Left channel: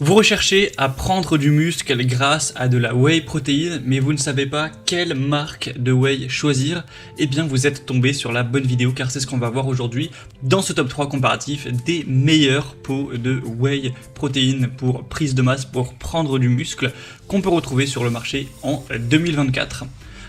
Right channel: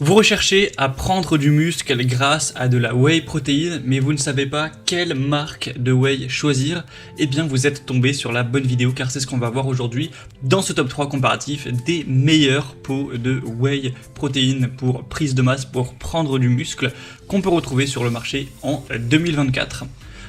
Vous recherchez à prendre du muscle grâce à de la whey protéine, mais vous ne savez pas quelle marque de whey choisir. Eh bien, vous êtes tombé sur la bonne vidéo car c'est ce qu'on va voir aujourd'hui dans ce top 3 comparatif des meilleurs pots de whey protéine pour prise de masse, pour prendre du muscle qu'on peut retrouver sur le marché en 2024.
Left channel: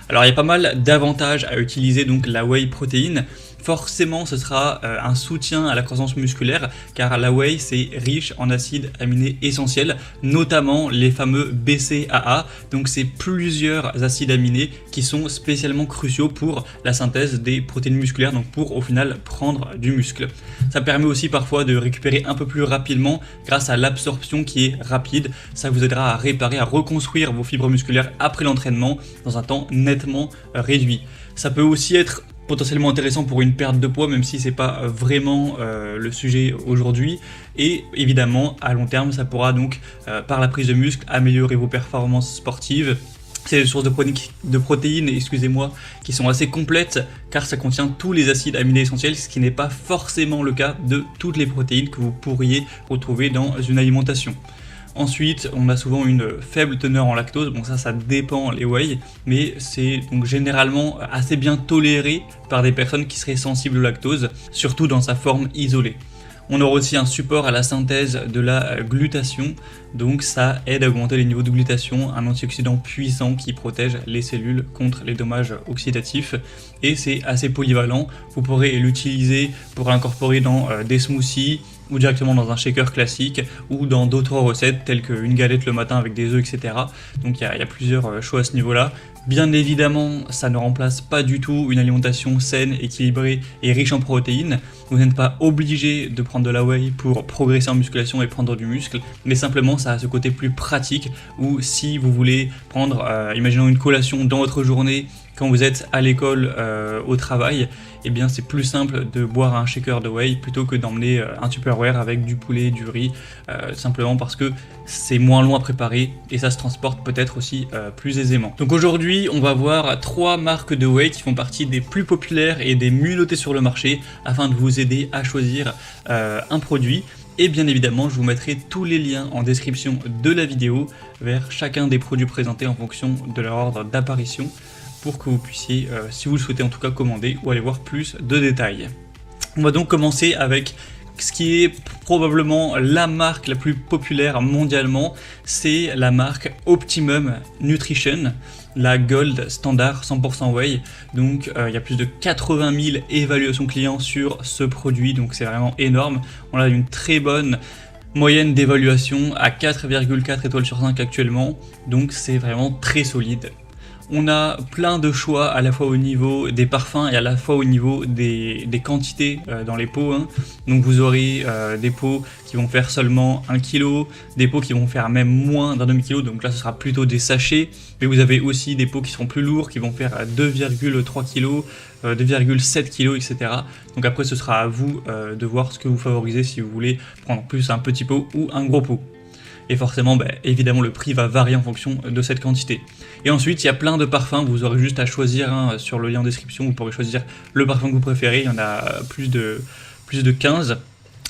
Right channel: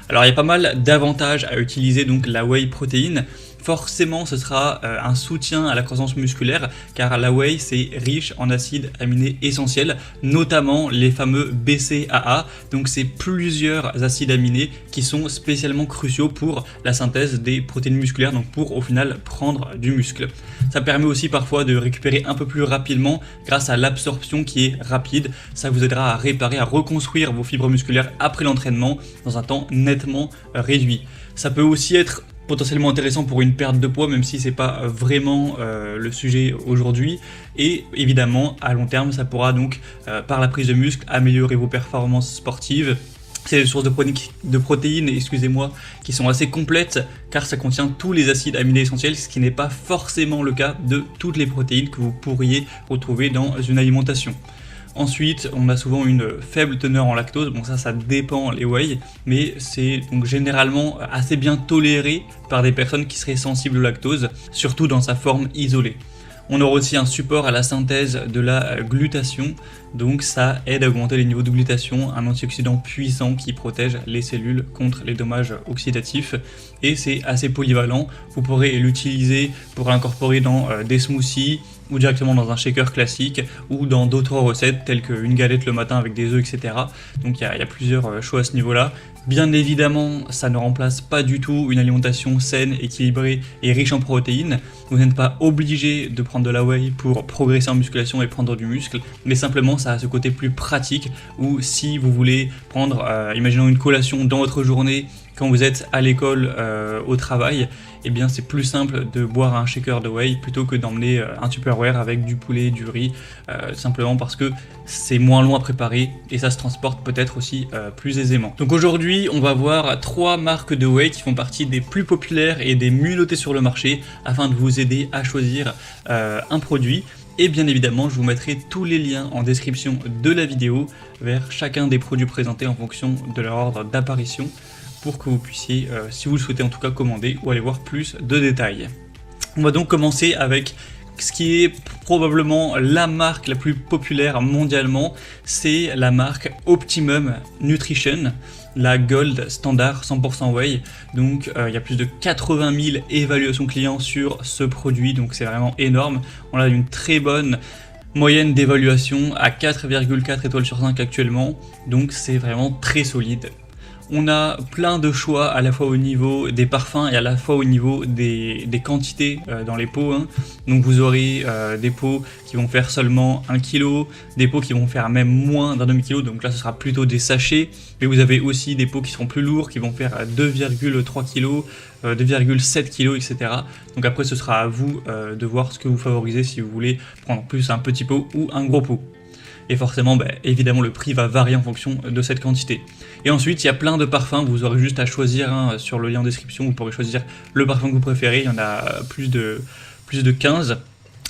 Alors, il y a pas mal d'avantages à utiliser donc la whey protéine. Forcément, ce sera un soutien à la croissance musculaire, car la whey c'est riche en acides aminés essentiels, notamment les fameux BCAA. Donc c'est plusieurs acides aminés qui sont spécialement cruciaux pour la synthèse des protéines musculaires, donc pour au final prendre du muscle. Ça permet aussi parfois de récupérer un peu plus rapidement grâce à l'absorption qui est rapide. Ça vous aidera à réparer, à reconstruire vos fibres musculaires après l'entraînement dans un temps nettement réduit. Ça peut aussi être potentiellement intéressant pour une perte de poids, même si c'est pas vraiment le sujet aujourd'hui. Et évidemment, à long terme, ça pourra donc, par la prise de muscle, améliorer vos performances sportives. C'est des sources de protéines, excusez-moi, qui sont assez complètes, car ça contient tous les acides aminés essentiels, ce qui n'est pas forcément le cas de toutes les protéines que vous pourriez retrouver dans une alimentation. Ensuite, on a souvent une faible teneur en lactose, bon ça dépend les whey, mais c'est donc généralement assez bien toléré par des personnes qui seraient sensibles au lactose, surtout dans sa forme isolée. On aura aussi un support à la synthèse de la glutation, donc ça aide à augmenter les niveaux de glutation, un antioxydant puissant qui protège les cellules contre les dommages oxydatifs, et c'est assez polyvalent. Vous pourrez l'utiliser pour l'incorporer dans des smoothies, ou directement dans un shaker classique, ou dans d'autres recettes telles qu'une galette le matin avec des œufs, etc. Donc il y a plusieurs choix à ce niveau-là. Bien évidemment, ça ne remplace pas du tout une alimentation saine, équilibrée et riche en protéines. Vous n'êtes pas obligé de prendre de la whey pour progresser en musculation et prendre du muscle, mais simplement ça a ce côté plus pratique où si vous voulez prendre, imaginons une collation dans votre journée, quand vous êtes à l'école, au travail, eh bien c'est plus simple de boire un shaker de whey plutôt que d'emmener un Tupperware avec du poulet, du riz, simplement parce que c'est moins long à préparer et ça se transporte peut-être aussi plus aisément. Donc aujourd'hui, on va voir 3 marques de whey qui font partie des plus populaires et des mieux notées sur le marché afin de vous aider à choisir un produit. Et bien évidemment, je vous mettrai tous les liens en description de la vidéo vers chacun des produits présentés en fonction de leur ordre d'apparition, pour que vous puissiez, si vous le souhaitez en tout cas, commander ou aller voir plus de détails. On va donc commencer avec ce qui est probablement la marque la plus populaire mondialement, c'est la marque Optimum Nutrition, la Gold Standard 100% Whey. Donc il y a plus de 80 000 évaluations clients sur ce produit, donc c'est vraiment énorme. On a une très bonne moyenne d'évaluation à 4,4 étoiles sur 5 actuellement, donc c'est vraiment très solide. On a plein de choix à la fois au niveau des parfums et à la fois au niveau des quantités dans les pots. Donc vous aurez des pots qui vont faire seulement 1 kg, des pots qui vont faire même moins d'un demi-kilo, donc là ce sera plutôt des sachets. Mais vous avez aussi des pots qui seront plus lourds, qui vont faire 2,3 kg, 2,7 kg, etc. Donc après ce sera à vous de voir ce que vous favorisez, si vous voulez prendre plus un petit pot ou un gros pot. Et forcément, évidemment, le prix va varier en fonction de cette quantité. Et ensuite, il y a plein de parfums, vous aurez juste à choisir sur le lien en description, vous pourrez choisir le parfum que vous préférez, il y en a plus de 15,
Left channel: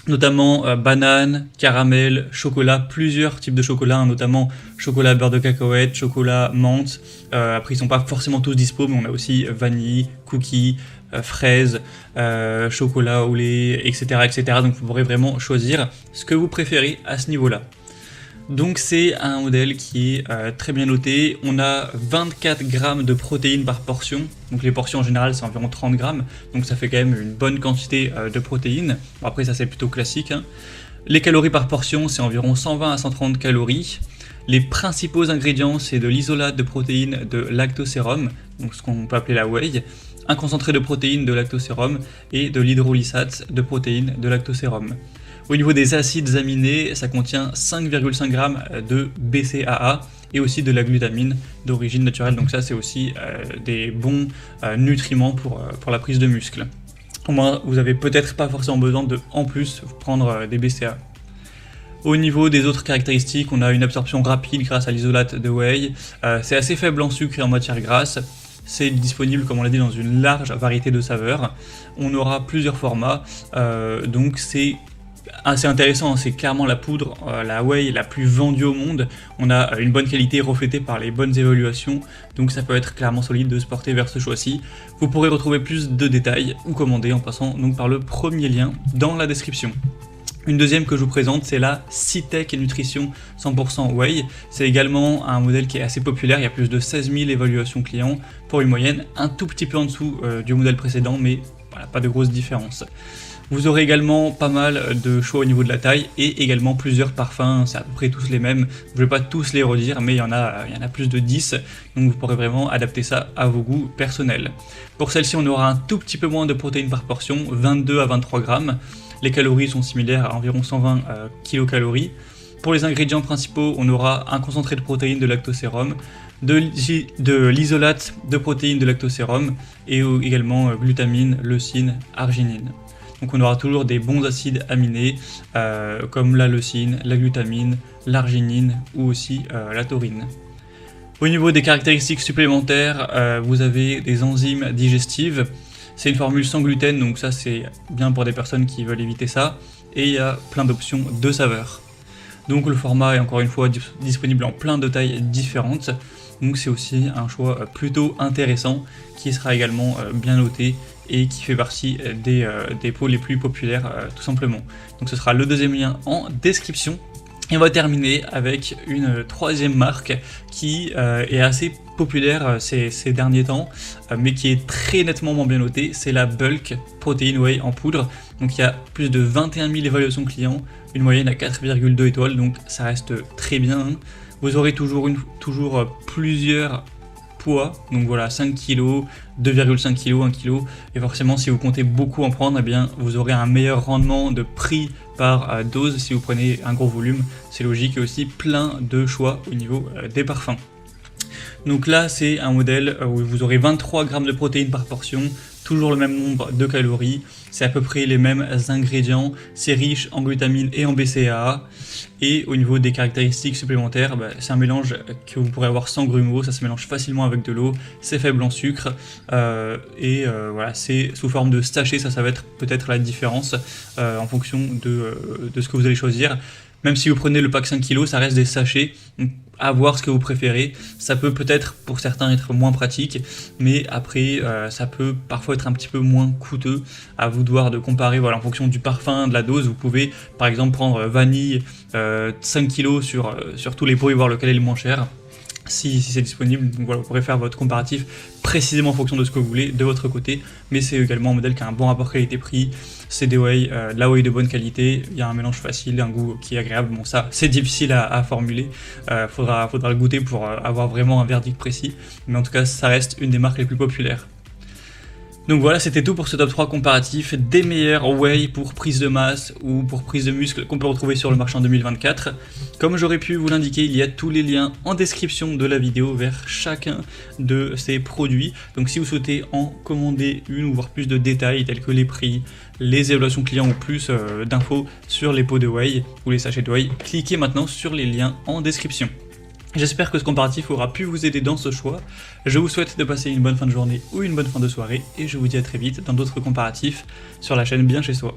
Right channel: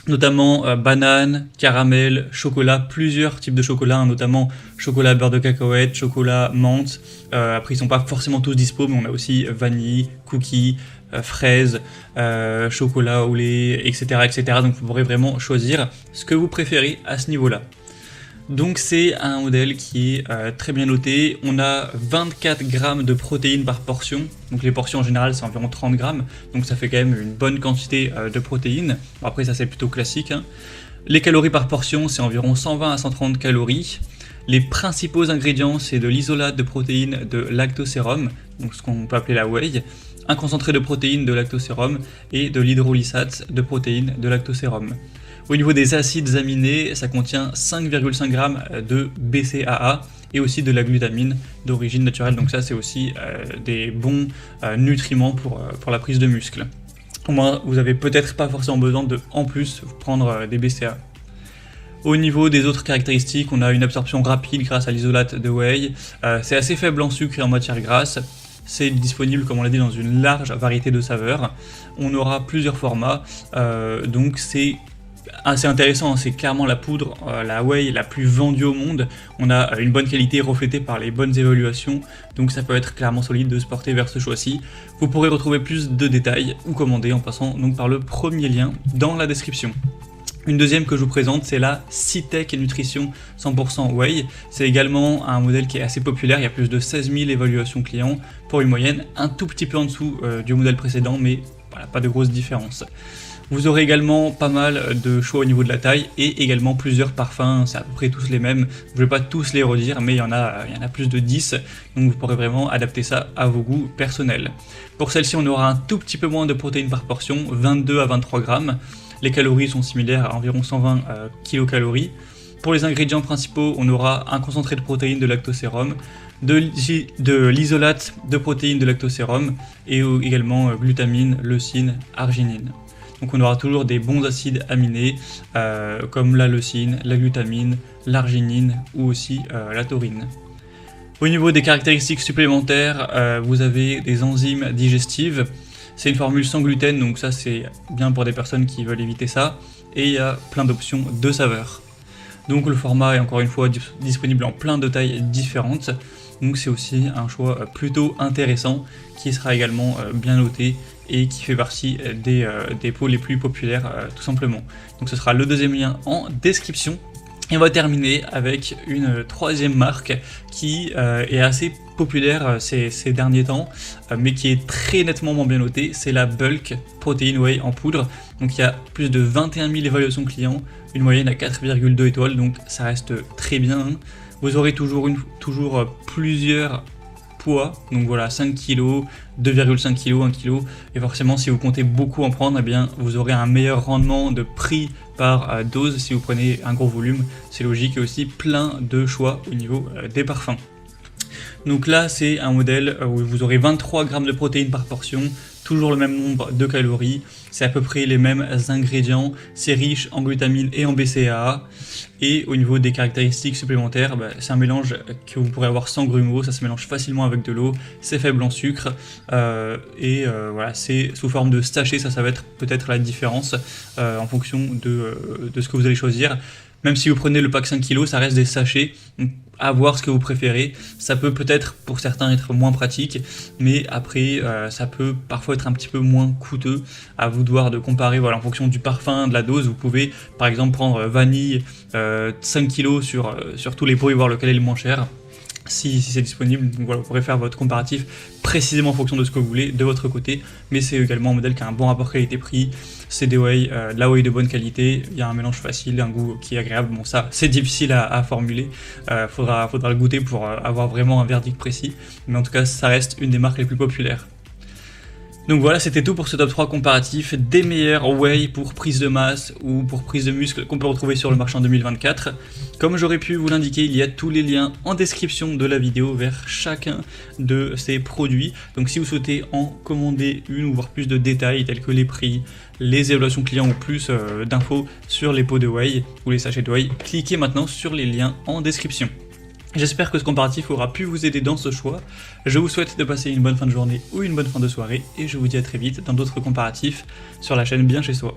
notamment banane, caramel, chocolat, plusieurs types de chocolat, notamment chocolat beurre de cacahuète, chocolat menthe. Après, ils sont pas forcément tous dispo, mais on a aussi vanille, cookies, fraises, chocolat au lait, etc., etc. Donc vous pourrez vraiment choisir ce que vous préférez à ce niveau-là. Donc c'est un modèle qui est très bien noté. On a 24 grammes de protéines par portion. Donc les portions en général c'est environ 30 grammes. Donc ça fait quand même une bonne quantité de protéines. Après ça c'est plutôt classique. Les calories par portion c'est environ 120 à 130 calories. Les principaux ingrédients c'est de l'isolate de protéines de lactosérum, donc ce qu'on peut appeler la whey, un concentré de protéines de lactosérum et de l'hydrolysate de protéines de lactosérum. Au niveau des acides aminés, ça contient 5,5 g de BCAA et aussi de la glutamine d'origine naturelle. Donc ça, c'est aussi des bons nutriments pour la prise de muscle. Au moins, vous n'avez peut-être pas forcément besoin de, en plus, prendre des BCAA. Au niveau des autres caractéristiques, on a une absorption rapide grâce à l'isolate de whey. C'est assez faible en sucre et en matière grasse. C'est disponible, comme on l'a dit, dans une large variété de saveurs. On aura plusieurs formats, donc c'est assez intéressant, c'est clairement la poudre, la whey la plus vendue au monde. On a une bonne qualité reflétée par les bonnes évaluations, donc ça peut être clairement solide de se porter vers ce choix-ci. Vous pourrez retrouver plus de détails ou commander en passant donc par le premier lien dans la description. Une deuxième que je vous présente, c'est la Citec Nutrition 100% whey. C'est également un modèle qui est assez populaire, il y a plus de 16 000 évaluations clients pour une moyenne un tout petit peu en dessous du modèle précédent, mais voilà, pas de grosse différence. Vous aurez également pas mal de choix au niveau de la taille et également plusieurs parfums, c'est à peu près tous les mêmes. Je ne vais pas tous les redire, mais il y en a plus de 10, donc vous pourrez vraiment adapter ça à vos goûts personnels. Pour celle-ci, on aura un tout petit peu moins de protéines par portion, 22 à 23 grammes. Les calories sont similaires à environ 120 kilocalories. Pour les ingrédients principaux, on aura un concentré de protéines de lactosérum, de l'isolate de protéines de lactosérum et également glutamine, leucine, arginine. Donc on aura toujours des bons acides aminés comme la leucine, la glutamine, l'arginine ou aussi la taurine. Au niveau des caractéristiques supplémentaires, vous avez des enzymes digestives. C'est une formule sans gluten, donc ça c'est bien pour des personnes qui veulent éviter ça. Et il y a plein d'options de saveurs. Donc le format est encore une fois disponible en plein de tailles différentes. Donc c'est aussi un choix plutôt intéressant qui sera également bien noté et qui fait partie des pots les plus populaires tout simplement. Donc ce sera le deuxième lien en description. Et on va terminer avec une troisième marque qui est assez populaire ces derniers temps, mais qui est très nettement moins bien notée, c'est la Bulk Protein Whey en poudre. Donc il y a plus de 21 000 évaluations clients, une moyenne à 4,2 étoiles, donc ça reste très bien. Vous aurez toujours plusieurs poids, donc voilà 5 kg, 2,5 kg, 1 kg, et forcément si vous comptez beaucoup en prendre, eh bien, vous aurez un meilleur rendement de prix par dose si vous prenez un gros volume, c'est logique, et aussi plein de choix au niveau des parfums. Donc là c'est un modèle où vous aurez 23 grammes de protéines par portion, toujours le même nombre de calories, c'est à peu près les mêmes ingrédients, c'est riche en glutamine et en BCAA, et au niveau des caractéristiques supplémentaires, c'est un mélange que vous pourrez avoir sans grumeaux, ça se mélange facilement avec de l'eau, c'est faible en sucre, voilà, c'est sous forme de sachet, ça va être peut-être la différence en fonction de ce que vous allez choisir. Même si vous prenez le pack 5 kg, ça reste des sachets, donc à voir ce que vous préférez. Ça peut peut-être pour certains être moins pratique, mais après ça peut parfois être un petit peu moins coûteux. À vous de voir, de comparer, voilà, en fonction du parfum, de la dose. Vous pouvez par exemple prendre vanille 5 kg sur tous les pots et voir lequel est le moins cher. Si c'est disponible, donc voilà, vous pourrez faire votre comparatif précisément en fonction de ce que vous voulez de votre côté, mais c'est également un modèle qui a un bon rapport qualité-prix, c'est des whey, de la whey de bonne qualité, il y a un mélange facile, un goût qui est agréable, bon ça c'est difficile à formuler, faudra le goûter pour avoir vraiment un verdict précis, mais en tout cas ça reste une des marques les plus populaires. Donc voilà, c'était tout pour ce top 3 comparatif des meilleurs whey pour prise de masse ou pour prise de muscle qu'on peut retrouver sur le marché en 2024. Comme j'aurais pu vous l'indiquer, il y a tous les liens en description de la vidéo vers chacun de ces produits. Donc si vous souhaitez en commander une ou voir plus de détails tels que les prix, les évaluations clients ou plus d'infos sur les pots de whey ou les sachets de whey, cliquez maintenant sur les liens en description. J'espère que ce comparatif aura pu vous aider dans ce choix. Je vous souhaite de passer une bonne fin de journée ou une bonne fin de soirée et je vous dis à très vite dans d'autres comparatifs sur la chaîne Bien Chez Soi.